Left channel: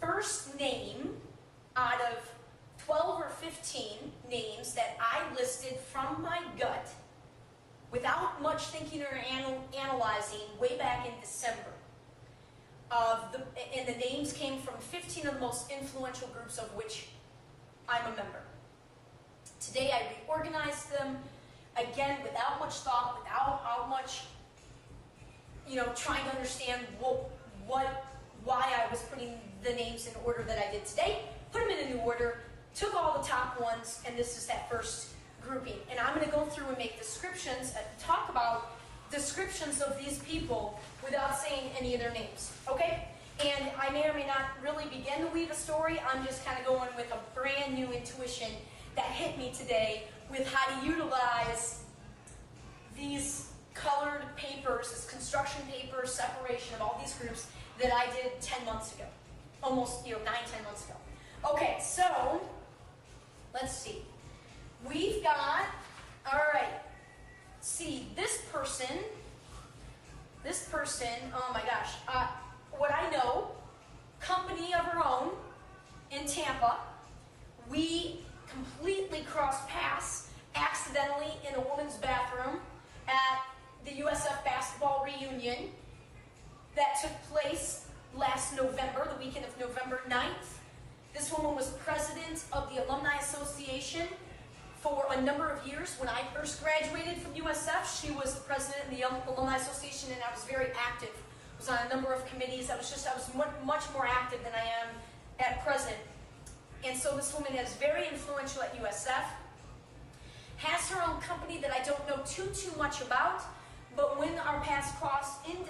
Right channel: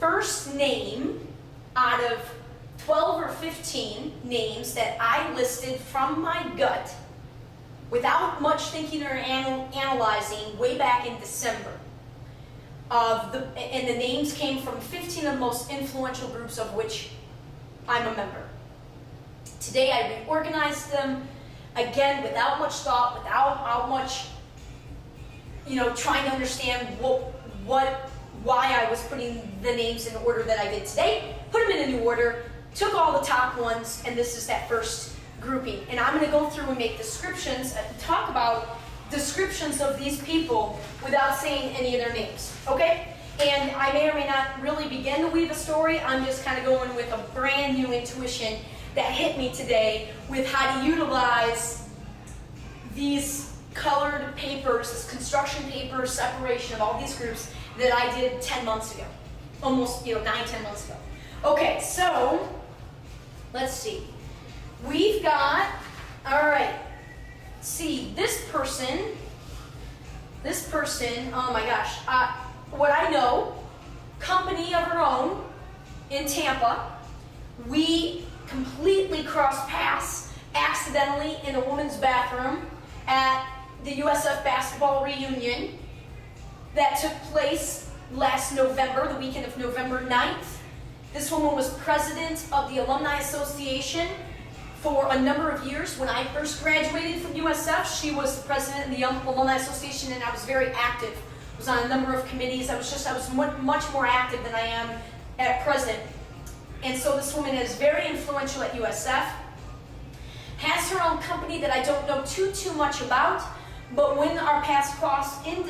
first name out of 12 or 15 names that I listed from my gut without much thinking or analyzing way back in December. And the names came from 15 of the most influential groups of which I'm a member. Today I reorganized them, again, without much thought, without much, trying to understand why I was putting the names in the order that I did today, put them in a new order, took all the top ones, and this is that first grouping. And I'm going to go through and make descriptions, talk about descriptions of these people without saying any of their names, okay? And I may or may not really begin to weave a story. I'm just kind of going with a brand new intuition that hit me today with how to utilize these colored papers, this construction paper separation of all these groups that I did 10 months ago. Almost, 9, 10 months ago. Okay, so let's see. We've got, all right, see, this person, oh my gosh, what I know, company of her own in Tampa, we completely crossed paths accidentally in a woman's bathroom at the USF basketball reunion that took place last November, the weekend of November 9th. This woman was president of the Alumni Association for a number of years. When I first graduated from USF, she was the president of the Alumni Association, and I was very active. I was on a number of committees. I was much more active than I am at present. And so this woman is very influential at USF, has her own company that I don't know too much about, but when our paths crossed in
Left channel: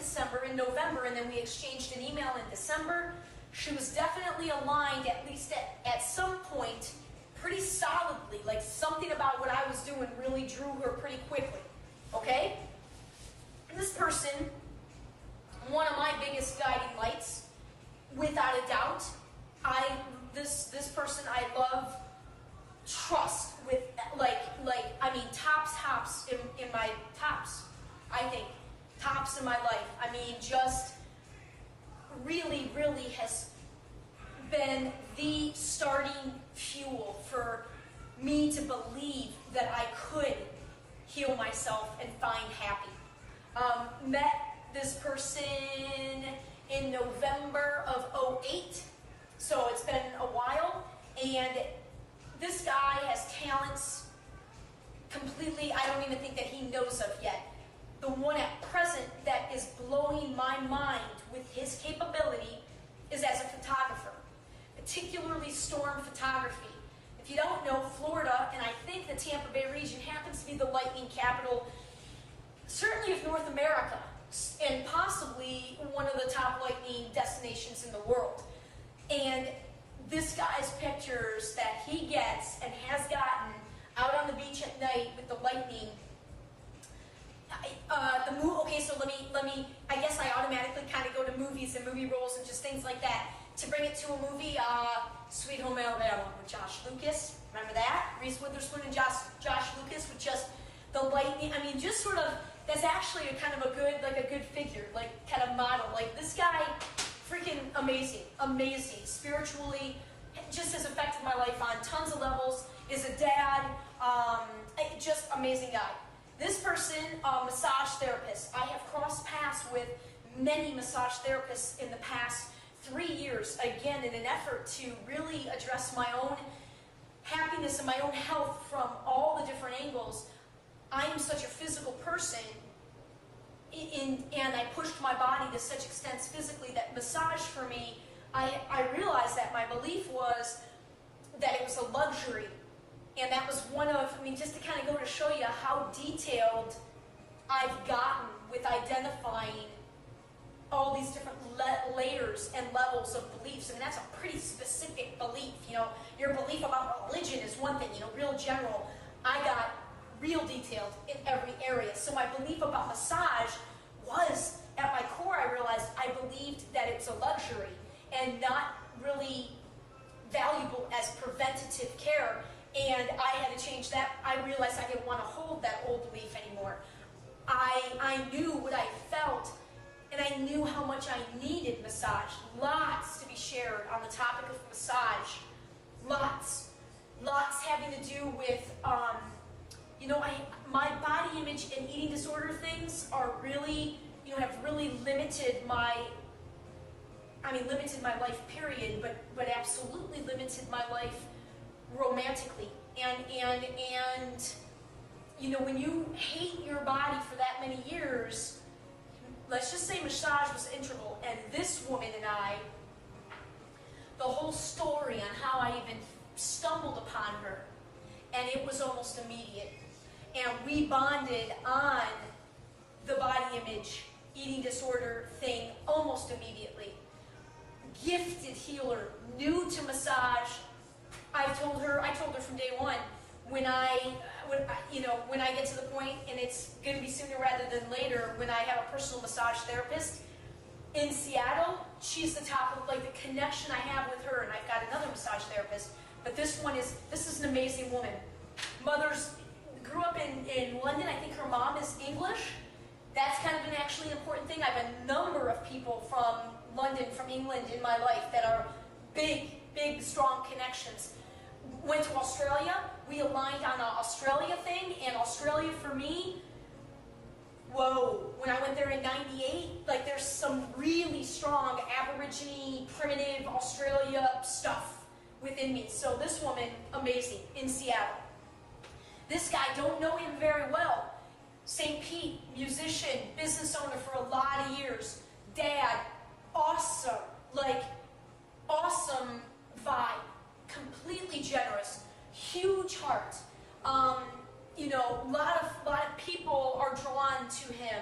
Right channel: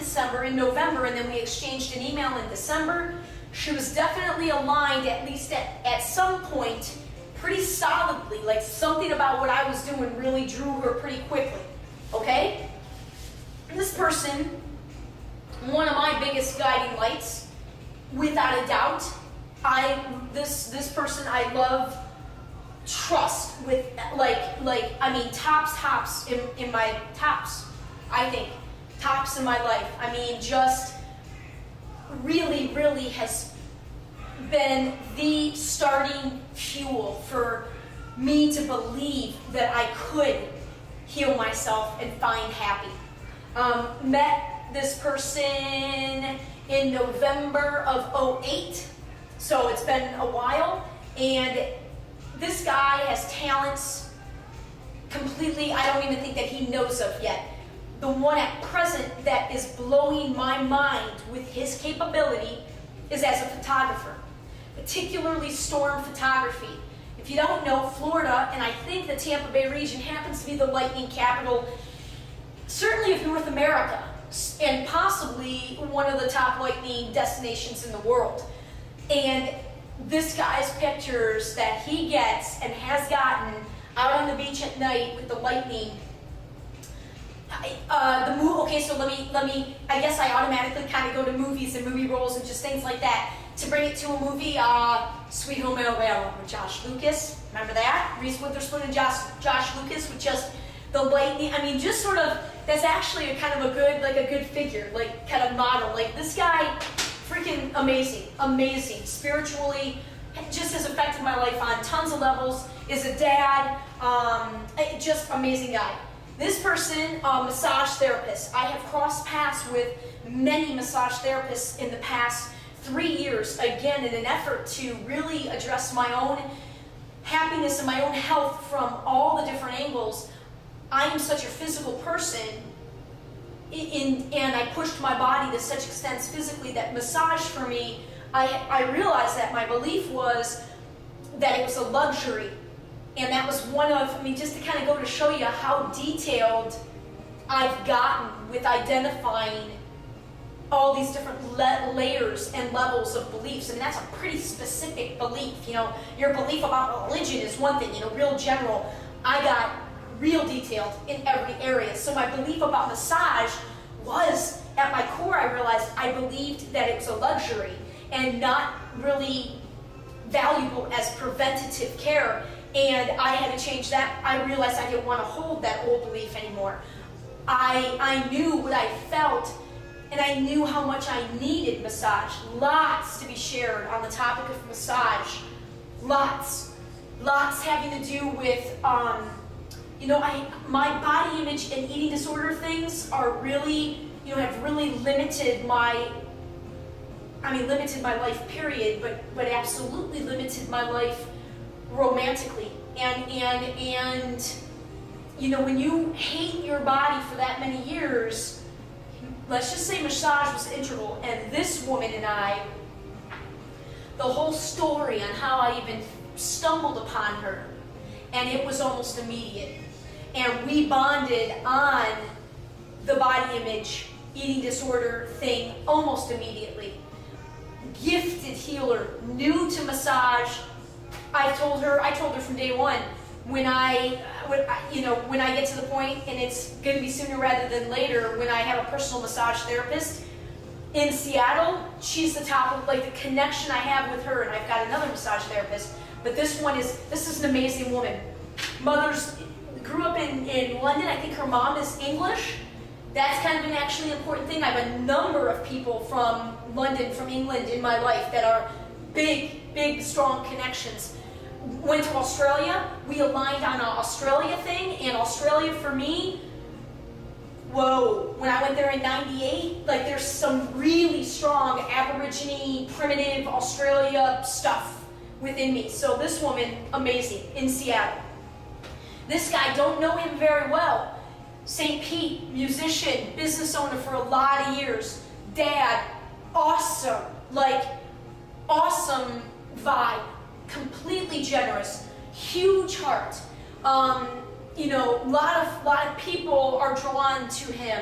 November, and then we exchanged an email in December, she was definitely aligned, at least at some point, pretty solidly, like something about what I was doing really drew her pretty quickly, okay? This person, one of my biggest guiding lights, without a doubt. This person I love, trust with, tops in my tops, I think. Tops in my life. I mean, just really has been the starting fuel for me to believe that I could heal myself and find happy. Met this person in November of 2008, so it's been a while, and this guy has talents completely I don't even think that he knows of yet. The one at present that is blowing my mind with his capability is as a photographer, particularly storm photography. If you don't know, Florida, and I think the Tampa Bay region happens to be the lightning capital, certainly of North America, and possibly one of the top lightning destinations in the world. And this guy's pictures that he gets and has gotten out on the beach at night with the lightning, okay, so let me, I guess I automatically kind of go to movies and movie roles and just things like that. To bring it to a movie, Sweet Home Alabama with Josh Lucas, remember that? Reese Witherspoon and Josh Lucas with just the lightning, I mean, just sort of, that's actually a kind of a good figure, like kind of model. Like this guy, freaking amazing, spiritually, just has affected my life on tons of levels, is a dad, just amazing guy. This person, massage therapist. I have crossed paths with many massage therapists in the past 3 years, again, in an effort to really address my own happiness and my own health from all the different angles. I am such a physical person, and I pushed my body to such extents physically that massage for me, I realized that my belief was that it was a luxury. And that was one of, just to kind of go to show you how detailed I've gotten with identifying all these different layers and levels of beliefs. That's a pretty specific belief. Your belief about religion is one thing, real general. I got real detailed in every area. So my belief about massage was, at my core, I realized I believed that it was a luxury and not really valuable as preventative care. And I had to change that. I realized I didn't want to hold that old belief anymore. I knew what I felt and I knew how much I needed massage. Lots to be shared on the topic of massage. Lots having to do with, my body image and eating disorder things are really, have really limited my life, period, but absolutely limited my life romantically. And when you hate your body for that many years, let's just say massage was integral. And this woman and I, the whole story on how I even stumbled upon her, and it was almost immediate. And we bonded on the body image, eating disorder thing almost immediately. Gifted healer, new to massage. I told her from day one, when I get to the point, and it's going to be sooner rather than later, when I have a personal massage therapist in Seattle, she's the top of, the connection I have with her, and I've got another massage therapist, but this is an amazing woman. Grew up in London. I think her mom is English. That's kind of an actually important thing. I have a number of people from London, from England in my life that are big, strong connections. Went to Australia. We aligned on an Australia thing, and Australia for me, whoa, when I went there in '98, there's some really strong Aborigine, primitive Australia stuff within me. So this woman, amazing, in Seattle. This guy, don't know him very well. St. Pete, musician, business owner for a lot of years. Dad, awesome, awesome vibe, completely generous, huge heart. A lot of people are drawn to him.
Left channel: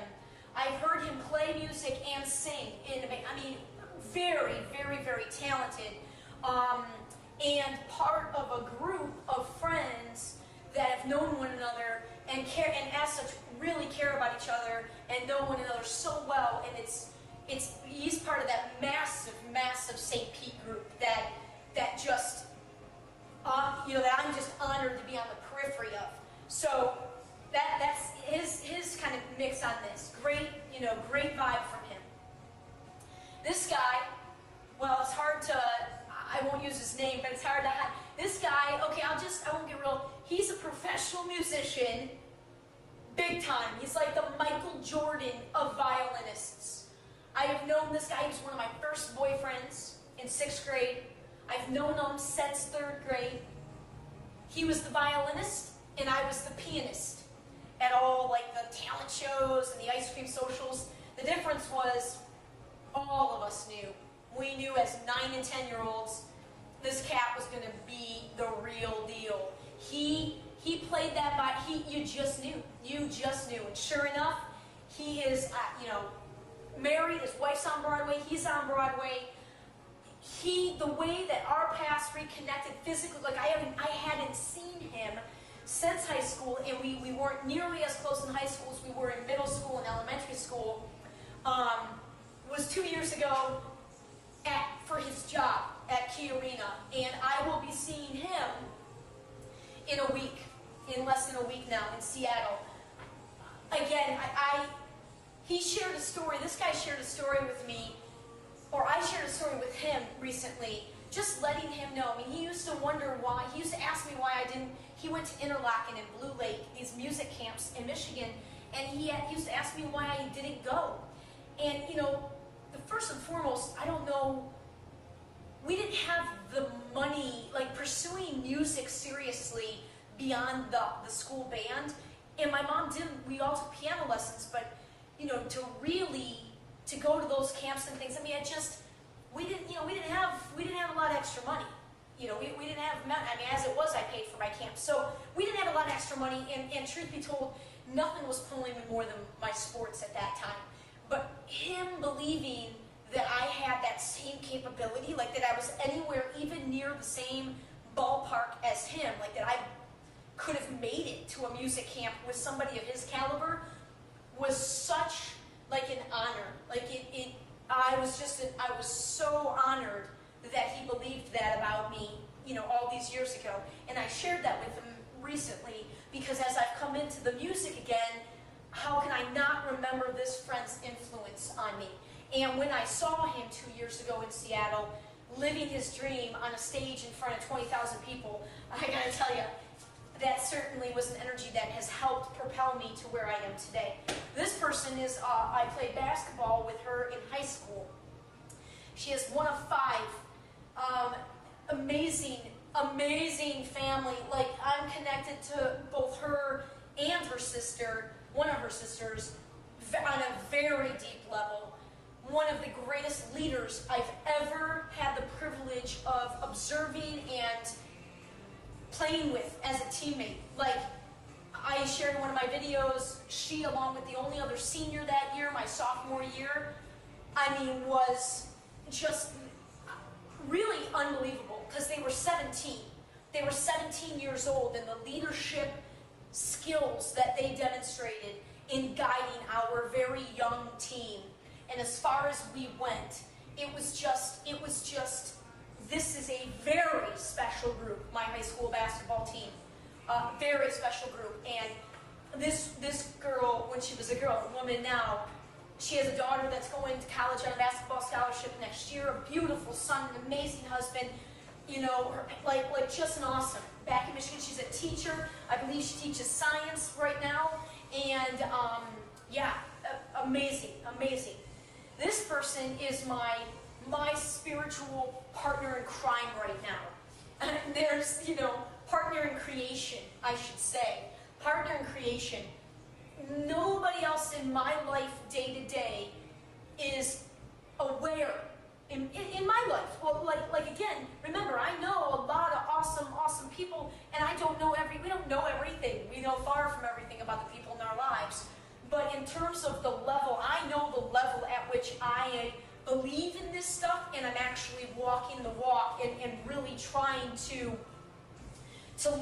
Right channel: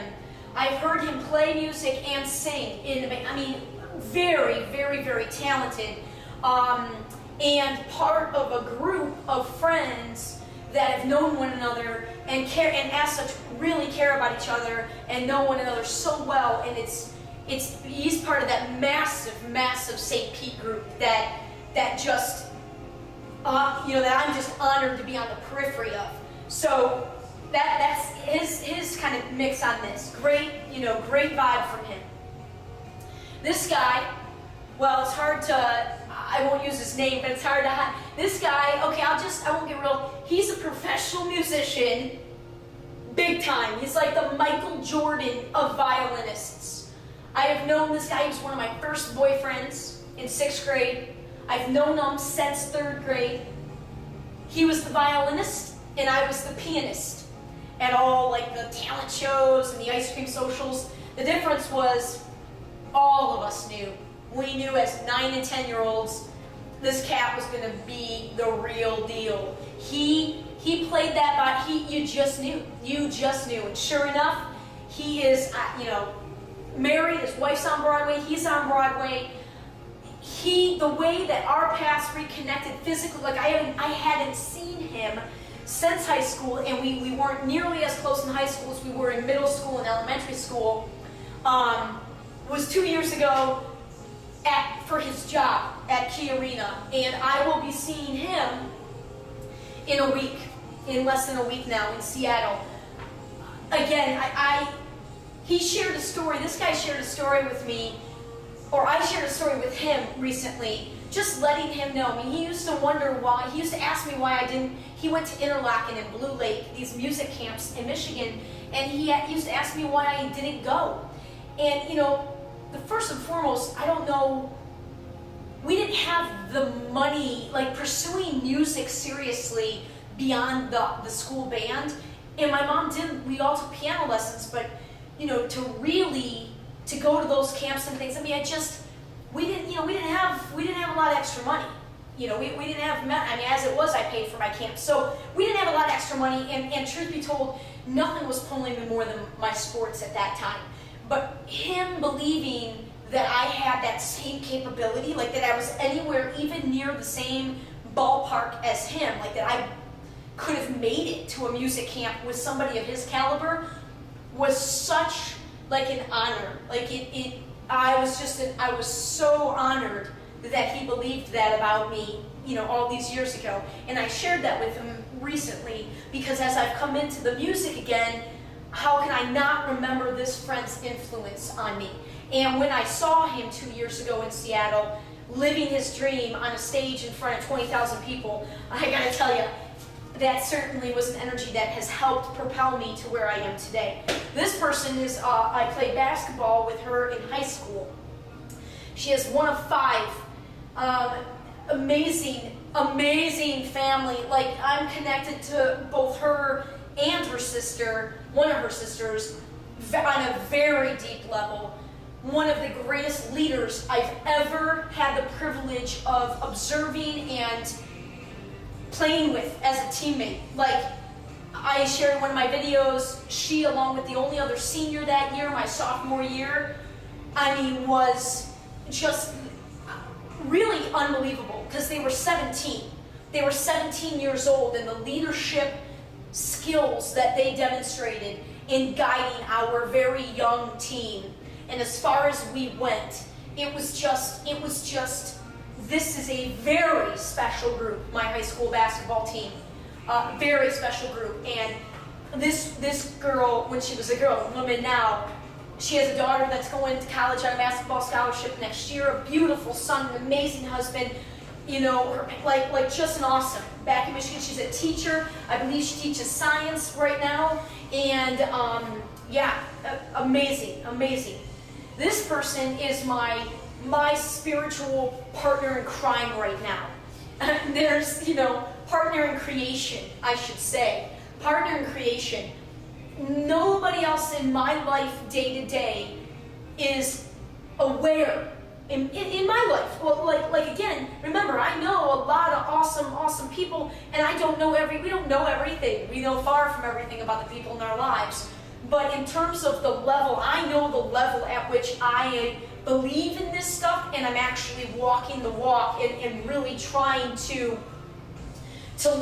I've heard him play music and sing. Very, very talented. And part of a group of friends that have known one another and care, and as such really care about each other and know one another so well. And he's part of that massive St. Pete group that just that I'm just honored to be on the periphery of. So that's his kind of mix on this. Great vibe from him. This guy, well, it's hard to, I won't use his name, but it's hard to hide. This guy, okay, I won't get real. He's a professional musician, big time. He's like the Michael Jordan of violinists. I have known this guy. He was one of my first boyfriends in 6th grade. I've known him since 3rd grade. He was the violinist, and I was the pianist at all the talent shows and the ice cream socials. The difference was all of us knew. We knew as 9 and 10-year-olds this cat was going to be the real deal. He played that, but you just knew. And sure enough, he is, married. His wife's on Broadway. He's on Broadway. The way that our paths reconnected physically, I hadn't seen him since high school, and we weren't nearly as close in high school as we were in middle school and elementary school. Was 2 years ago for his job at Key Arena, and I will be seeing him in less than a week now in Seattle. Again, he shared a story. This guy shared a story with me, or I shared a story with him recently, just letting him know. He used to wonder why. He used to ask me why I didn't. He went to Interlochen and Blue Lake, these music camps in Michigan, and he used to ask me why I didn't go. And the first and foremost, I don't know. We didn't have the money, pursuing music seriously beyond the school band. And my mom didn't. We all took piano lessons, but to go to those camps and things. We didn't have a lot of extra money. We didn't have. As it was, I paid for my camp, so we didn't have a lot of extra money. And truth be told, nothing was pulling me more than my sports at that time. But him believing that I had that same capability, that I was anywhere even near the same ballpark as him, that I could have made it to a music camp with somebody of his caliber, was such an honor. I was so honored that he believed that about me, all these years ago. And I shared that with him recently because as I've come into the music again, how can I not remember this friend's influence on me? And when I saw him 2 years ago in Seattle, living his dream on a stage in front of 20,000 people, I gotta tell you, that certainly was an energy that has helped propel me to where I am today. This person is, I played basketball with her in high school. She is one of 5. Amazing family. Like, I'm connected to both her and her sister, one of her sisters, on a very deep level. One of the greatest leaders I've ever had the privilege of observing and playing with as a teammate. Like, I shared in one of my videos, she, along with the only other senior that year, my sophomore year, I mean, was just really unbelievable, because they were 17. They were 17 years old, and the leadership skills that they demonstrated in guiding our very young team. And as far as we went, it was just, this is a very special group, my high school basketball team. Very special group. And this girl, when she was a girl, a woman now, she has a daughter that's going to college on a basketball scholarship next year, a beautiful son, an amazing husband, you know, her, like just an awesome. Back in Michigan, she's a teacher. I believe she teaches science right now. And yeah, amazing. This person is my spiritual partner in crime right now. There's, you know, partner in creation, I should say. Partner in creation. Nobody else in my life day to day is aware in my life. Well, like again, remember, I know a lot of awesome people, and we don't know everything. We know far from everything about the people in our lives. But in terms of the level, I know the level at which I believe in this stuff, and I'm actually walking the walk and really trying to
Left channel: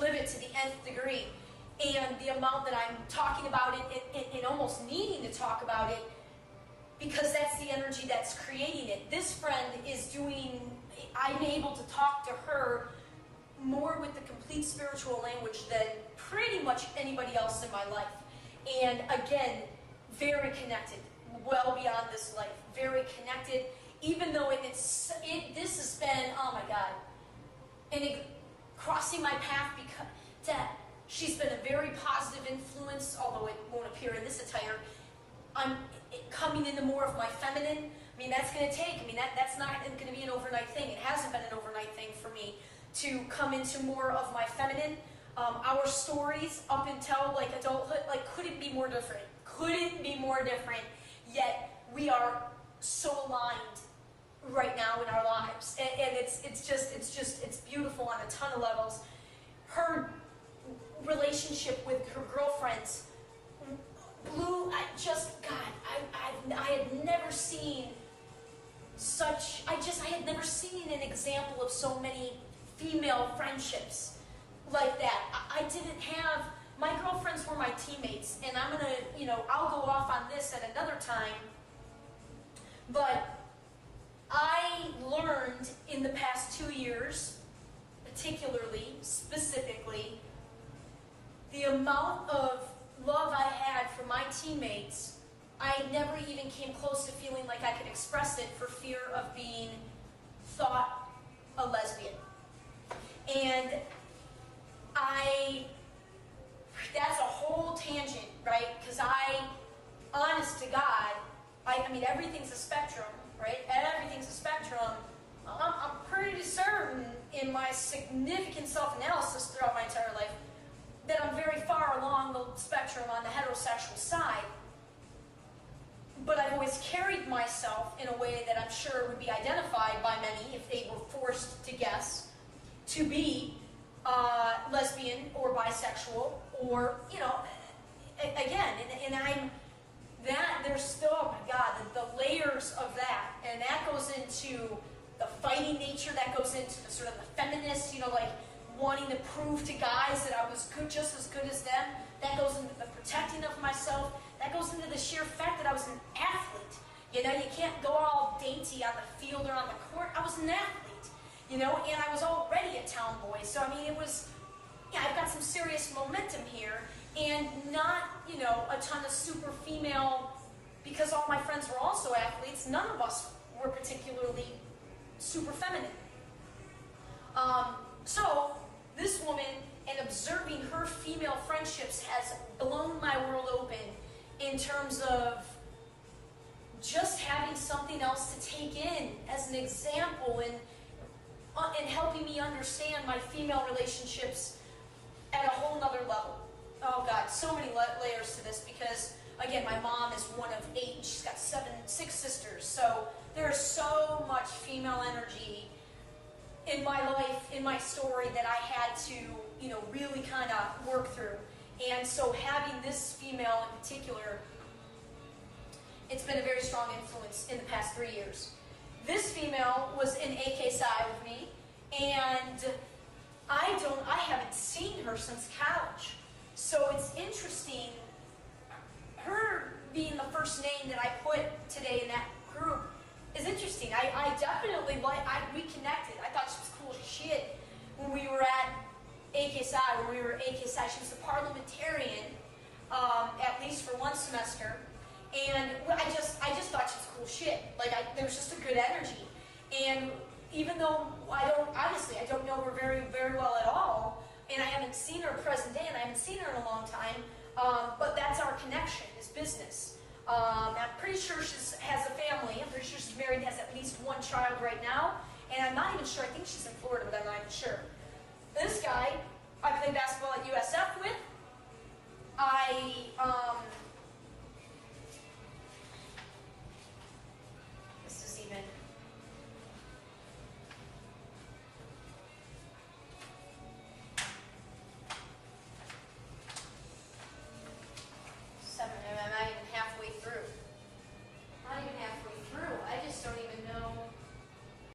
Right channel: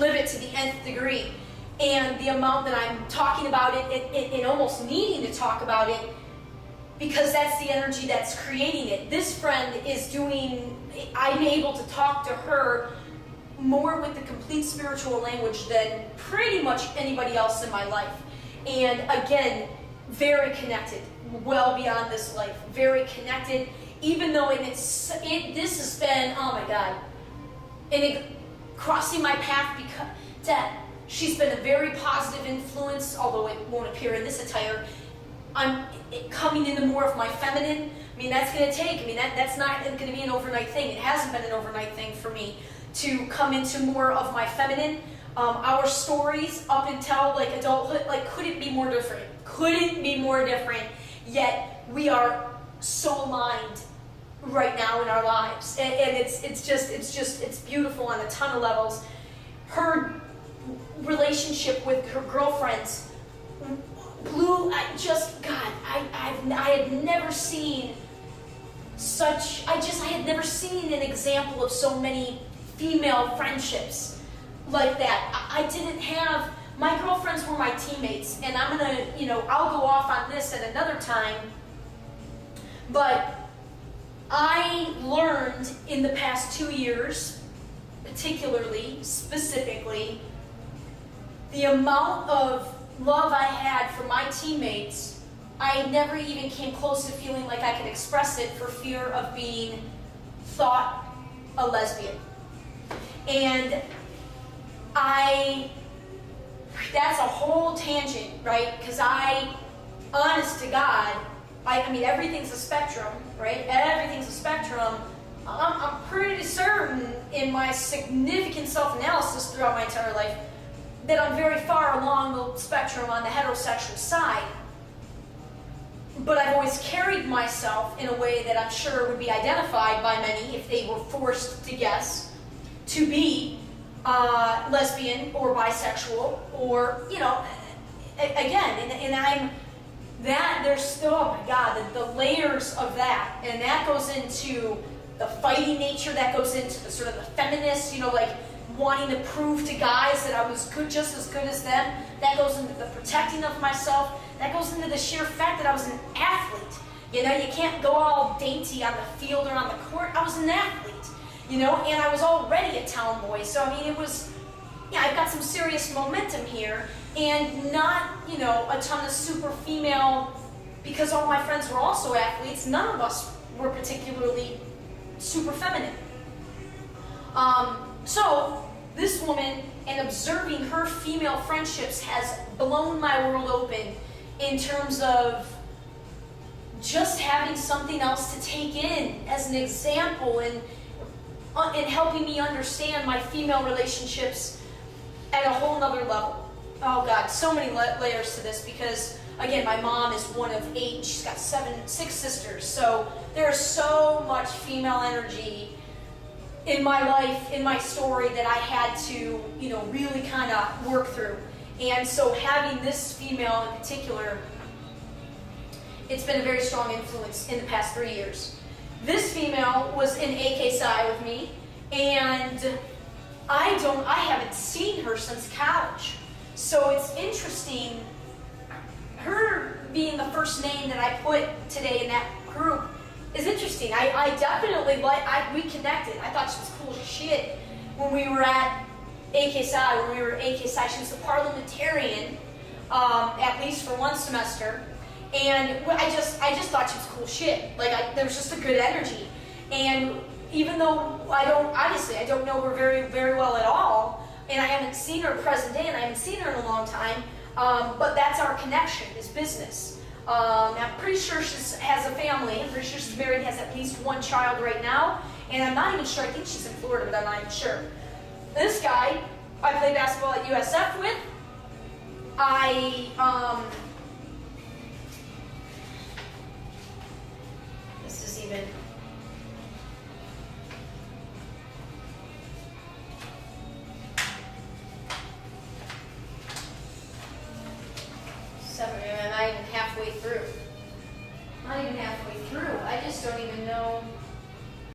live it to the nth degree. And the amount that I'm talking about it and almost needing to talk about it, because that's the energy that's creating it. This friend is doing, I'm able to talk to her more with the complete spiritual language than pretty much anybody else in my life. And again, very connected, well beyond this life, very connected, even though this has been, oh my God, and crossing my path because she's been a very positive influence, although it won't appear in this attire. I'm coming into more of my feminine. I mean, that's going to take, that's not going to be an overnight thing. It hasn't been an overnight thing for me to come into more of my feminine. Our stories up until like adulthood, like couldn't be more different. Couldn't be more different. Yet we are so aligned right now in our lives, and it's beautiful on a ton of levels. Her relationship with her girlfriends blew. I had never seen such. I had never seen an example of so many female friendships like that. I didn't have. My girlfriends were my teammates, and I'm gonna, I'll go off on this at another time. But I learned in the past 2 years, specifically, the amount of love I had for my teammates. I never even came close to feeling like I could express it for fear of being thought a lesbian. And that's a whole tangent, right? Because honest to God, everything's a spectrum, right? Everything's a spectrum. I'm pretty certain in my significant self-analysis throughout my entire life that I'm very far along the spectrum on the heterosexual side. But I've always carried myself in a way that I'm sure would be identified by many, if they were forced to guess, to be lesbian or bisexual, or, again, and I'm, there's still, oh my God, the layers of that, and that goes into the fighting nature, that goes into the sort of the feminist, like wanting to prove to guys that I was just as good as them. That goes into the protecting of myself. That goes into the sheer fact that I was an athlete. You can't go all dainty on the field or on the court. I was an athlete, and I was already a town boy. So, it was, I've got some serious momentum here. and not, you know, a ton of super female, because all my friends were also athletes, none of us were particularly super feminine. So this woman, and observing her female friendships, has blown my world open in terms of just having something else to take in as an example, and helping me understand my female relationships at a whole nother level. Oh God, so many layers to this, because again, my mom is one of 8. She's got 6 sisters. So there's so much female energy in my life, in my story, that I had to, you know, really kind of work through. And so having this female in particular, it's been a very strong influence in the past 3 years. This female was in AK Psi with me, and I haven't seen her since college. So it's interesting, her being the first name that I put today in that group is interesting. I definitely, we connected. I thought she was cool as shit when we were at AK Psi, when we were at AK Psi. She was a parliamentarian, at least for one semester. And I just thought she was cool shit. Like, there was just a good energy. And even though I don't know her very, very well at all, and I haven't seen her present day, and I haven't seen her in a long time, but that's our connection, is business. I'm pretty sure she has a family. I'm pretty sure she's married, has at least 1 child right now. And I'm not even sure, I think she's in Florida, but I'm not even sure. This guy, I play basketball at USF with. This is even... I'm not even halfway through. Not even halfway through.